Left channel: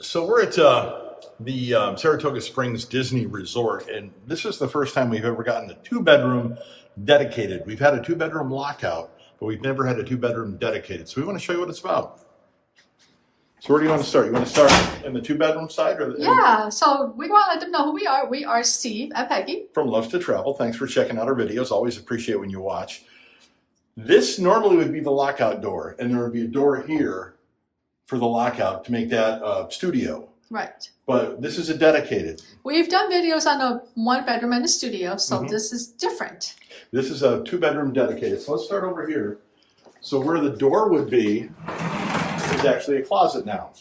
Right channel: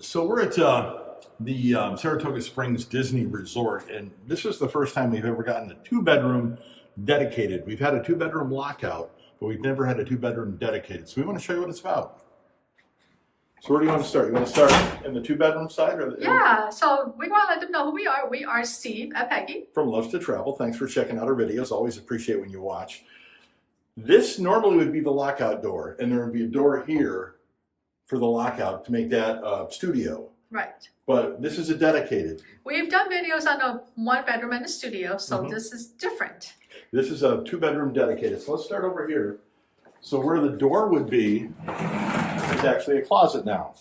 So we're at the Saratoga Springs Disney Resort, and this is the first time we've ever gotten a two-bedroom dedicated. We've had a two-bedroom lockout, but we've never had a two-bedroom dedicated. So we want to show you what it's about. So where do you want to start? You want to start in the two-bedroom side, or Yeah, so we want to let them know who we are. We are Steve and Peggy. from Luvs to Travel? Thanks for checking out our videos. Always appreciate when you watch. This normally would be the lockout door, and there would be a door here for the lockout to make that studio. Right. But this is a dedicated. We've done videos on a one bedroom and a studio, so this is different. This is a two-bedroom dedicated. So let's start over here. So where the door would be is actually a closet now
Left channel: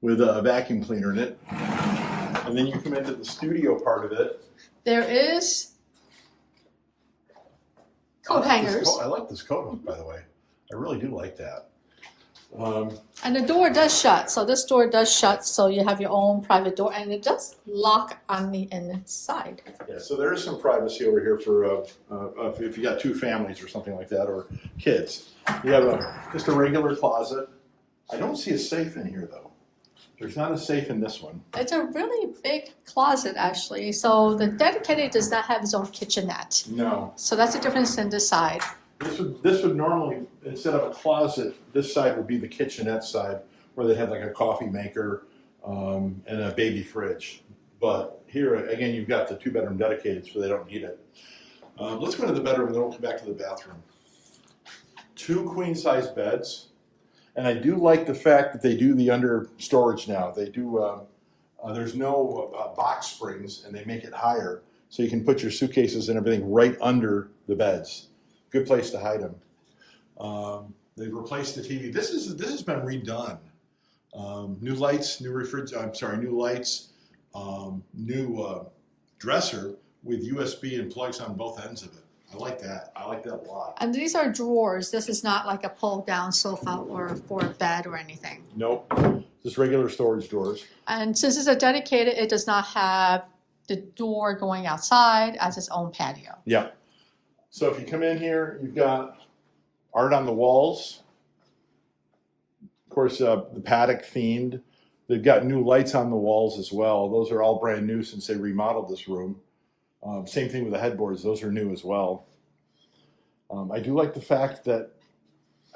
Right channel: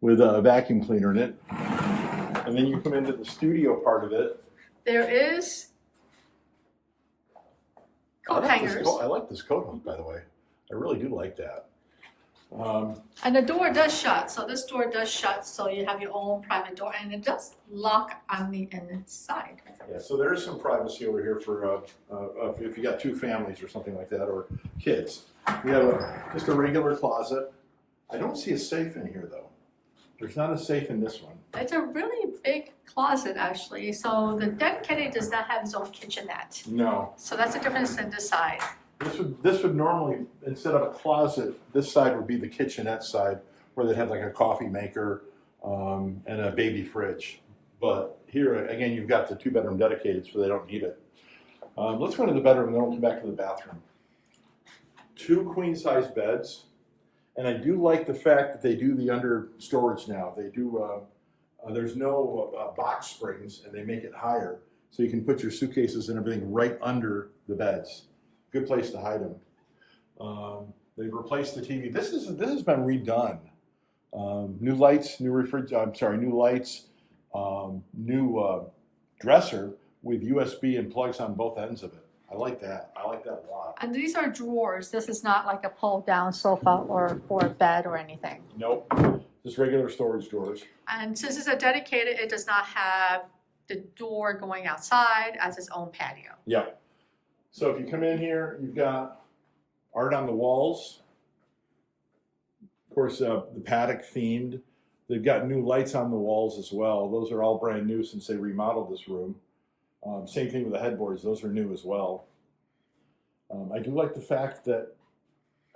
with a vacuum cleaner in it. And then you come into the studio part of it. There is coat hangers. I like this coat hook, by the way. I really do like that. And the door does shut. So this door does shut, so you have your own private door, and it does lock on the inside. Yeah, so there is some privacy over here for if you got two families or something like that, or kids. We have just a regular closet. I don't see a safe in here, though. There's not a safe in this one. It's a really big closet, actually. So the dedicated does not have its own kitchenette. No. So that's the difference in this side. This would normally, instead of a closet, this side would be the kitchenette side, where they'd have like a coffee maker and a baby fridge. But here, again, you've got the two-bedroom dedicated, so they don't need it. Let's go to the bedroom, and then we'll come back to the bathroom. Two queen-size beds. And I do like the fact that they do the under storage now. They do, there's no box springs, and they make it higher. So you can put your suitcases and everything right under the beds. Good place to hide them. They've replaced the TV. This has been redone. New lights, new lights, new dresser with USB and plugs on both ends of it. I like that. I like that a lot. And these are drawers. This is not like a pull-down sofa or for a bed or anything. Nope. Just regular storage drawers. And since it's a dedicated, it does not have the door going outside as its own patio. Yeah. So if you come in here, you've got art on the walls. Of course, the Paddock themed. They've got new lights on the walls as well. Those are all brand new since they remodeled this room. Same thing with the headboards; those are new as well. I do like the fact that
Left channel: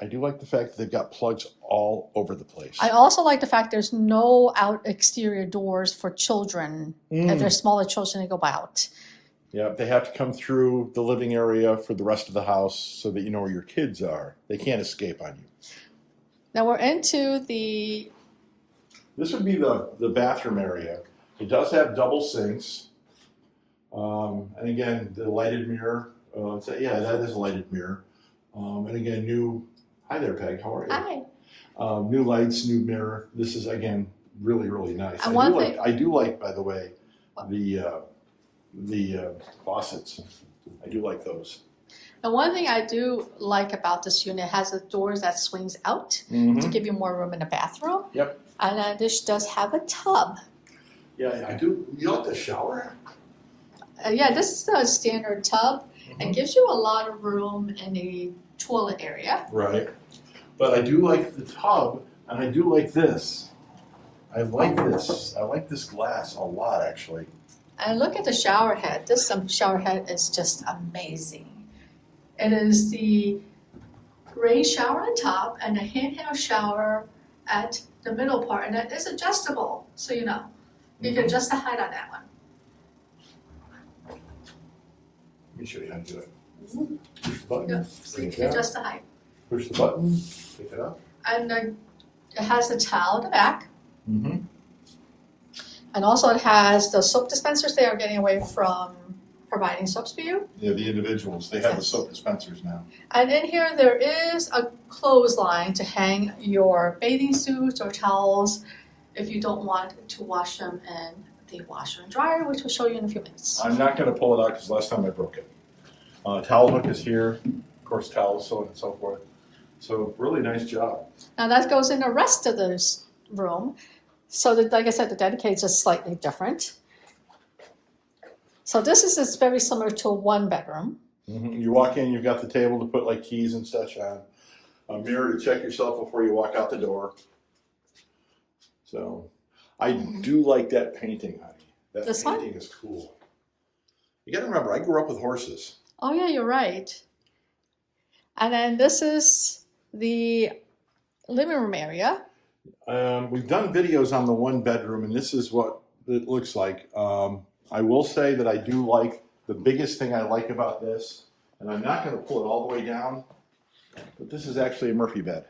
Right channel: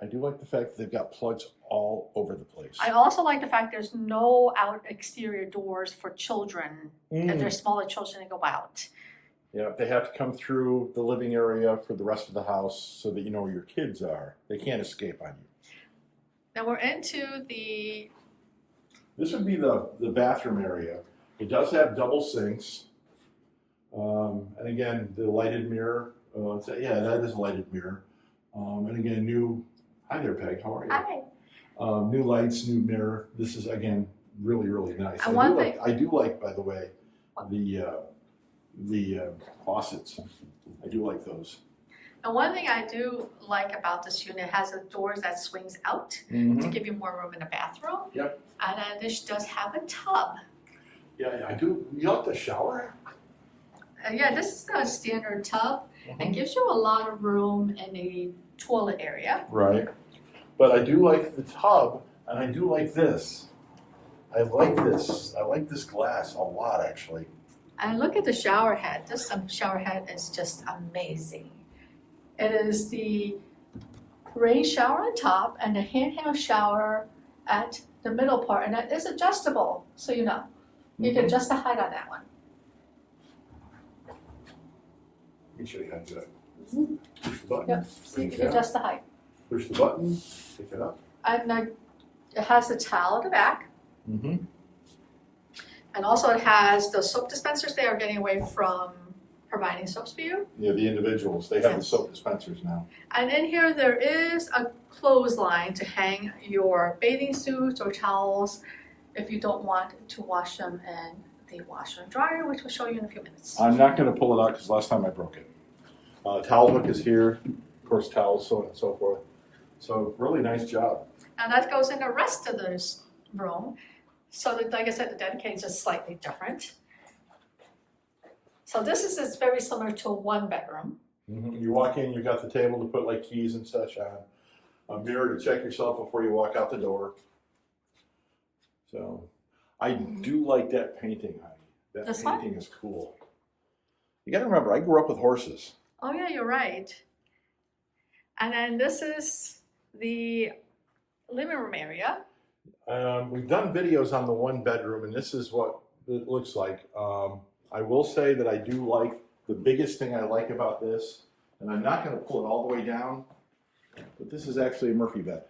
they've got plugs all over the place. I also like the fact there's no out exterior doors for children. If there's smaller children, they go out. Yeah, they have to come through the living area for the rest of the house so that you know where your kids are. They can't escape on you. Now we're into the... This would be the bathroom area. It does have double sinks. And again, the lighted mirror. Yeah, that is a lighted mirror. And again, new... Hi there, Peg. How are you? Hi. New lights, new mirror. This is, again, really, really nice. And I do like, by the way, the faucets. I do like those. And one thing I do like about this unit has the doors that swings out to give you more room in the bathroom. Yep. And then this does have a tub. Yeah, I do. You like the shower? Yeah, this is a standard tub and gives you a lot of room in the toilet area. Right. But I do like the tub, and I do like this. I like this. I like this glass a lot, actually. And look at the shower head. This shower head is just amazing. It is the rain shower on top and a handheld shower at the middle part. And it is adjustable, so you know. You can adjust the height on that one. Let me show you how to do it. Push the button. Yep. So you can adjust the height. Push the button. Pick it up. And it has the towel at the back. And also it has the soap dispensers. They are getting away from providing soaps for you. Yeah, the individuals. They have the soap dispensers now. And in here there is a clothesline to hang your bathing suits or towels if you don't want to wash them in the washer and dryer, which we'll show you in a few minutes. I'm not going to pull it out because last time I broke it. Towel hook is here. Of course, towels, so on and so forth. So really nice job. Now that goes in the rest of this room. So that, like I said, the dedicated is just slightly different. So this is very similar to a one bedroom. You walk in, you've got the table to put like keys and such on. A mirror to check yourself before you walk out the door. So I do like that painting, honey. That This painting is cool. You got to remember, I grew up with horses. Oh yeah, you're right. And then this is the living room area. We've done videos on the one bedroom, and this is what it looks like. I will say that I do like, the biggest thing I like about this, and I'm not going to pull it all the way down, but this is actually a Murphy bed.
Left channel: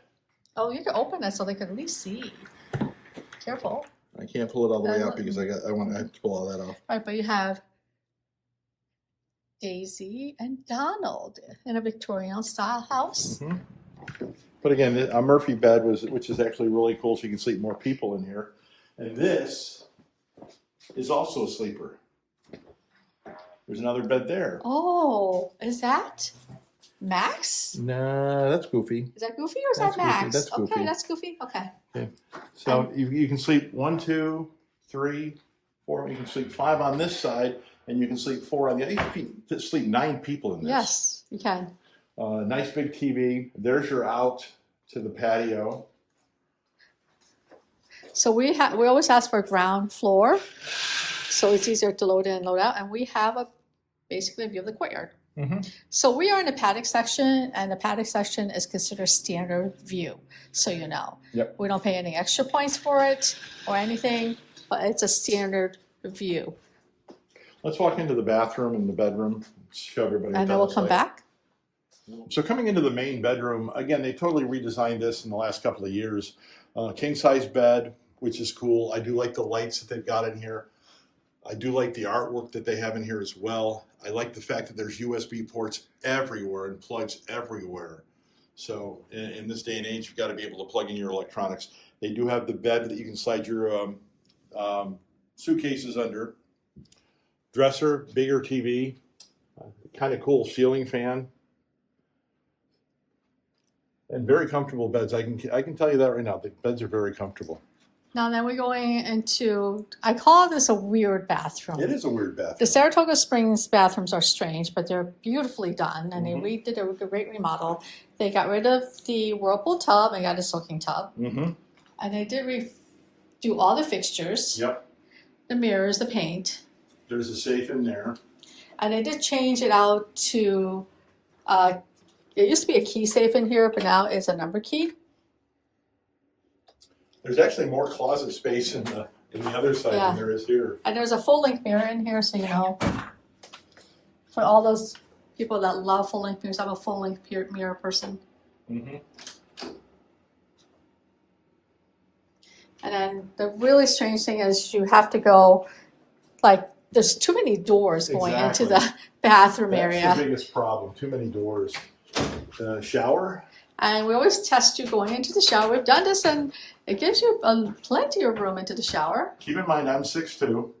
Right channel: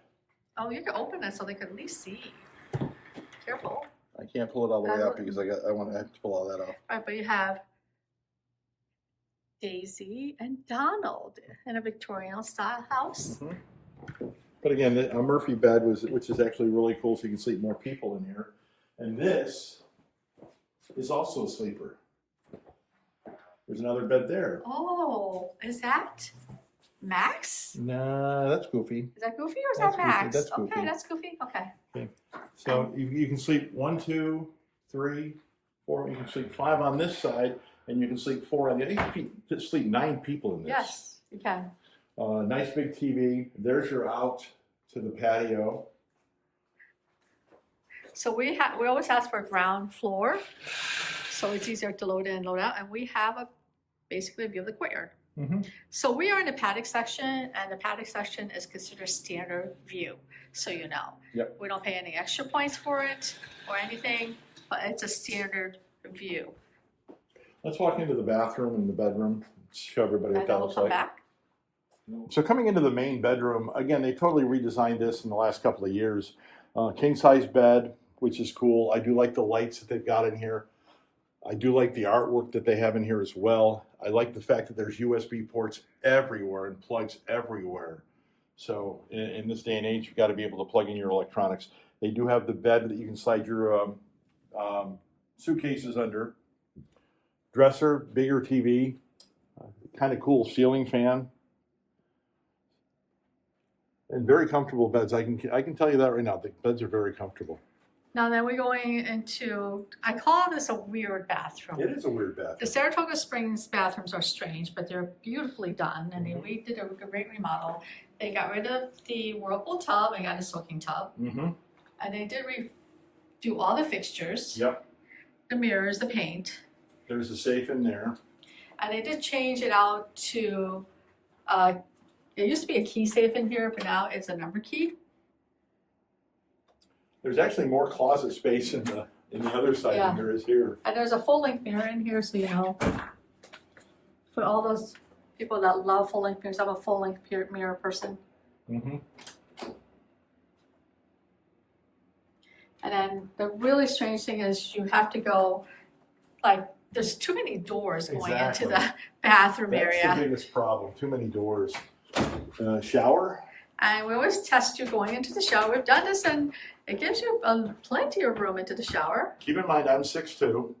Oh, you can open it so they can at least see. Careful. I can't pull it all the way up because I want to pull all that off. Right, but you have Daisy and Donald in a Victorian style house. Mm-hmm. But again, a Murphy bed which is actually really cool, so you can sleep more people in here. And this is also a sleeper. There's another bed there. Oh, is that Max? Nah, that's Goofy. Is that Goofy or is That's that Max? Goofy. That's Goofy. Okay, that's Goofy. Okay. Okay. So you can sleep 1, 2, 3, 4. You can sleep 5 on this side, and you can sleep 4 on the other. You can sleep 9 people in this. Yes, you can. Nice big TV. There's your out to the patio. So we always ask for a ground floor, so it's easier to load in and load out, and we have basically a view of the courtyard. Mm-hmm. So we are in the paddock section, and the paddock section is considered standard view, so you know. Yep. We don't pay any extra points for it or anything, but it's a standard view. Let's walk into the bathroom and the bedroom. Show everybody what And that then we'll looks come like. back. So coming into the main bedroom, again, they totally redesigned this in the last couple of years. King size bed, which is cool. I do like the lights that they've got in here. I do like the artwork that they have in here as well. I like the fact that there's USB ports everywhere and plugs everywhere. So in this day and age, you've got to be able to plug in your electronics. They do have the bed that you can slide your suitcases under. Dresser, bigger TV, kind of cool ceiling fan. And very comfortable beds. I can tell you that right now. The beds are very comfortable. Now then we're going into, I call this a weird bathroom. It is a weird bathroom. The Saratoga Springs bathrooms are strange, but they're beautifully done, and they redid a great remodel. They got rid of the whirlpool tub and got a soaking tub. Mm-hmm. And they did do all the fixtures. Yep. The mirrors, the paint. There's a safe in there. And they did change it out to, it used to be a key safe in here, but now it's a number key. There's actually more closet space in the other side than there is here. And there's a full-length mirror in here, so you know, for all those people that love full-length mirrors, I'm a full-length mirror person. Mm-hmm. And then the really strange thing is you have to go, like, there's too many doors going into the bathroom area. That's the biggest problem, too many doors. Shower. And we always test you going into the shower. We've done this, and it gives you plenty of room into the shower. Keep in mind, I'm 6'2".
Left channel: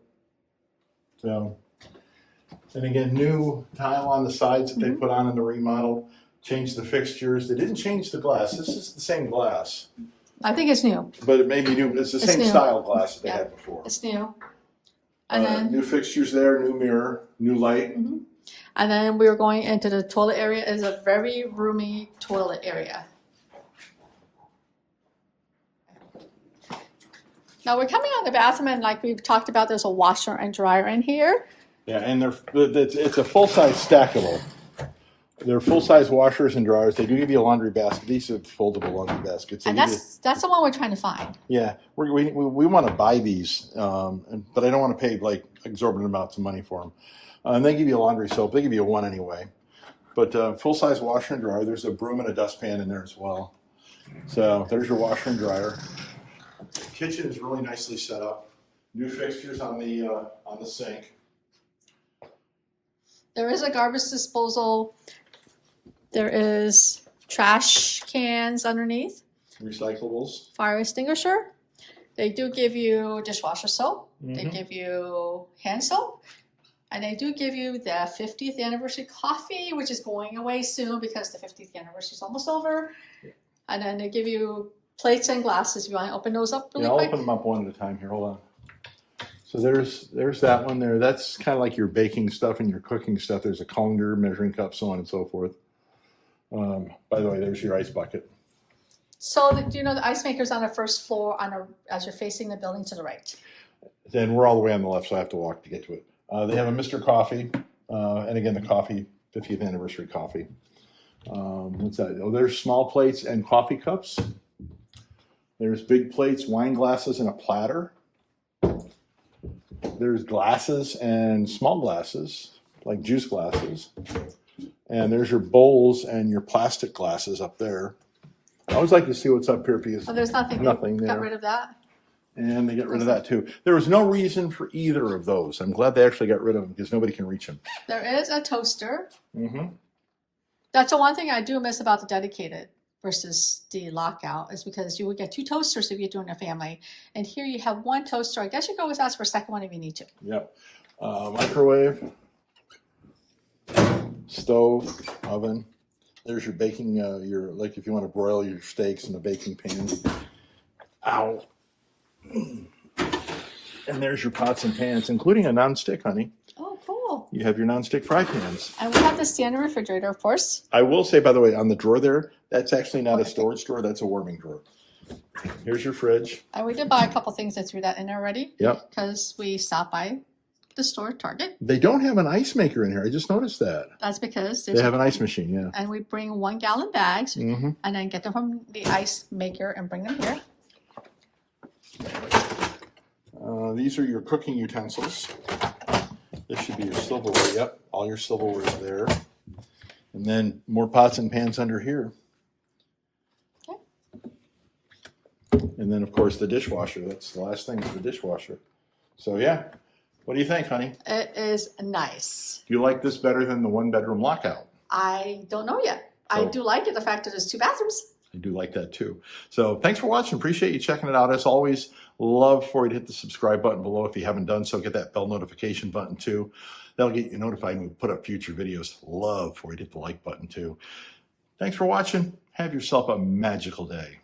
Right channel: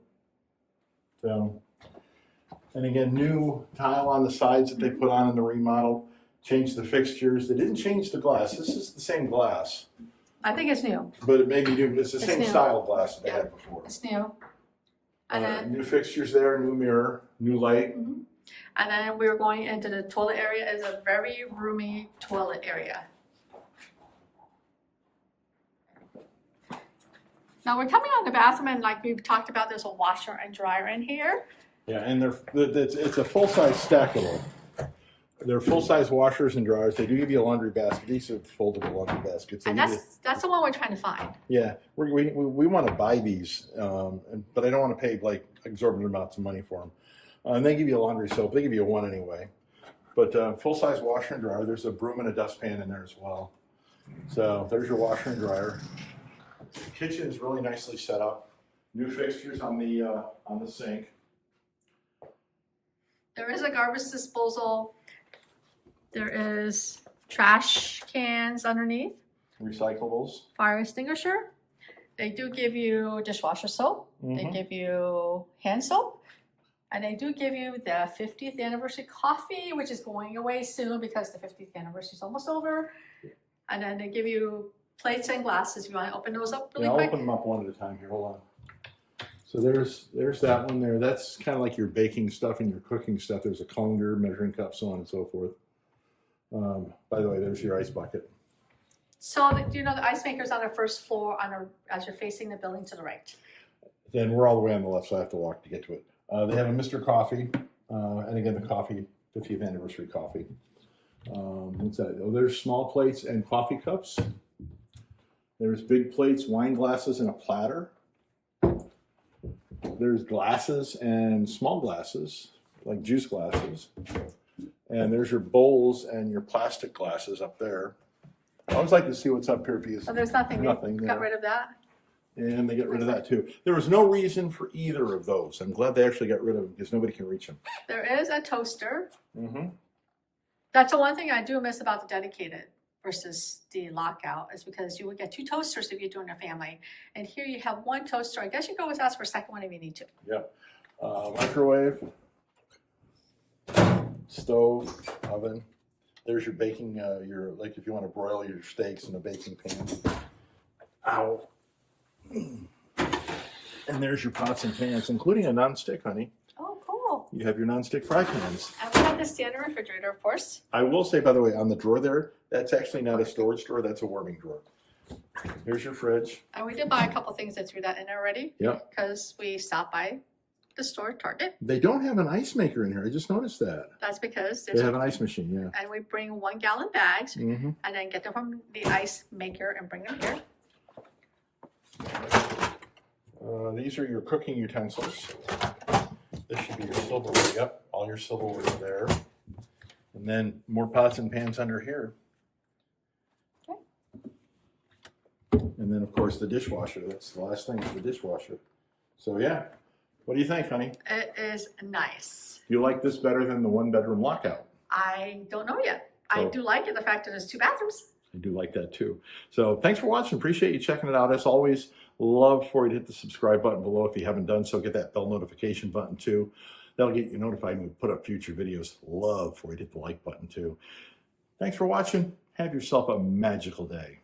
So, and again, new tile on the sides that they put on in the remodel. Changed the fixtures. They didn't change the glass. This is the same glass. I think it's new. But it may be new. It's the same new. style glass that they had before. It's new. And then new fixtures there, new mirror, new light. And then we're going into the toilet area. It's a very roomy toilet area. Now we're coming out of the bathroom, and like we've talked about, there's a washer and dryer in here. Yeah, and it's a full-size stackable. They're full-size washers and dryers. They do give you a laundry basket. These are foldable laundry baskets. And that's the one we're trying to find. Yeah, we want to buy these, but I don't want to pay like exorbitant amounts of money for them. And they give you a laundry soap. They give you one anyway. But full-size washer and dryer. There's a broom and a dustpan in there as well. So there's your washer and dryer. The kitchen is really nicely set up. New fixtures on the sink. There is a garbage disposal. There is trash cans underneath. Recyclables. Fire extinguisher. They do give you dishwasher soap. They give you hand soap. And they do give you the 50th anniversary coffee, which is going away soon because the 50th anniversary is almost over. And then they give you plates and glasses. You want to open those up really quick? I'll open them up one at a time here. Hold on. So there's that one there. That's kind of like your baking stuff and your cooking stuff. There's a colander, measuring cup, so on and so forth. By the way, there's your ice bucket. So you know the ice maker's on the first floor as you're facing the building to the right. Then we're all the way on the left, so I have to walk to get to it. They have a Mr. Coffee, and again, the coffee, 50th anniversary coffee. What's that? Oh, there's small plates and coffee cups. There's big plates, wine glasses, and a platter. There's glasses and small glasses, like juice glasses. And there's your bowls and your plastic glasses up there. I always like to see what's up here because there's nothing. Nothing They got there. rid of that. And they get rid of that too. There was no reason for either of those. I'm glad they actually got rid of them because nobody can reach them. There is a toaster. Mm-hmm. That's the one thing I do miss about the dedicated versus the lockout is because you would get 2 toasters if you're doing a family. And here you have 1 toaster. I guess you can always ask for a second one if you need to. Yep. Microwave, stove, oven. There's your baking, like if you want to broil your steaks in the baking pan. Ow. And there's your pots and pans, including a nonstick, honey. Oh, cool. You have your nonstick fry pans. And we have the standard refrigerator, of course. I will say, by the way, on the drawer there, that's actually not a storage drawer, that's a warming drawer. Here's your fridge. And we did buy a couple things that threw that in there already. Yep. Because we stopped by the store, Target. They don't have an ice maker in here. I just noticed that. That's because They have an ice machine, yeah. and we bring 1-gallon bags Mm-hmm. and then get them from the ice maker and bring them here. These are your cooking utensils. This should be your silverware. Yep, all your silverware is there. And then more pots and pans under here. Okay. And then, of course, the dishwasher. That's the last thing is the dishwasher. So, yeah. What do you think, honey? It is nice. Do you like this better than the 1-bedroom lockout? I don't know yet. I do like it, the fact that there's 2 bathrooms. I do like that too. So thanks for watching. Appreciate you checking it out. As always, love for you to hit the subscribe button below if you haven't done so. Get that bell notification button too. That'll get you notified when we put up future videos. Love for you to hit the like button too. Thanks for watching. Have yourself a magical day.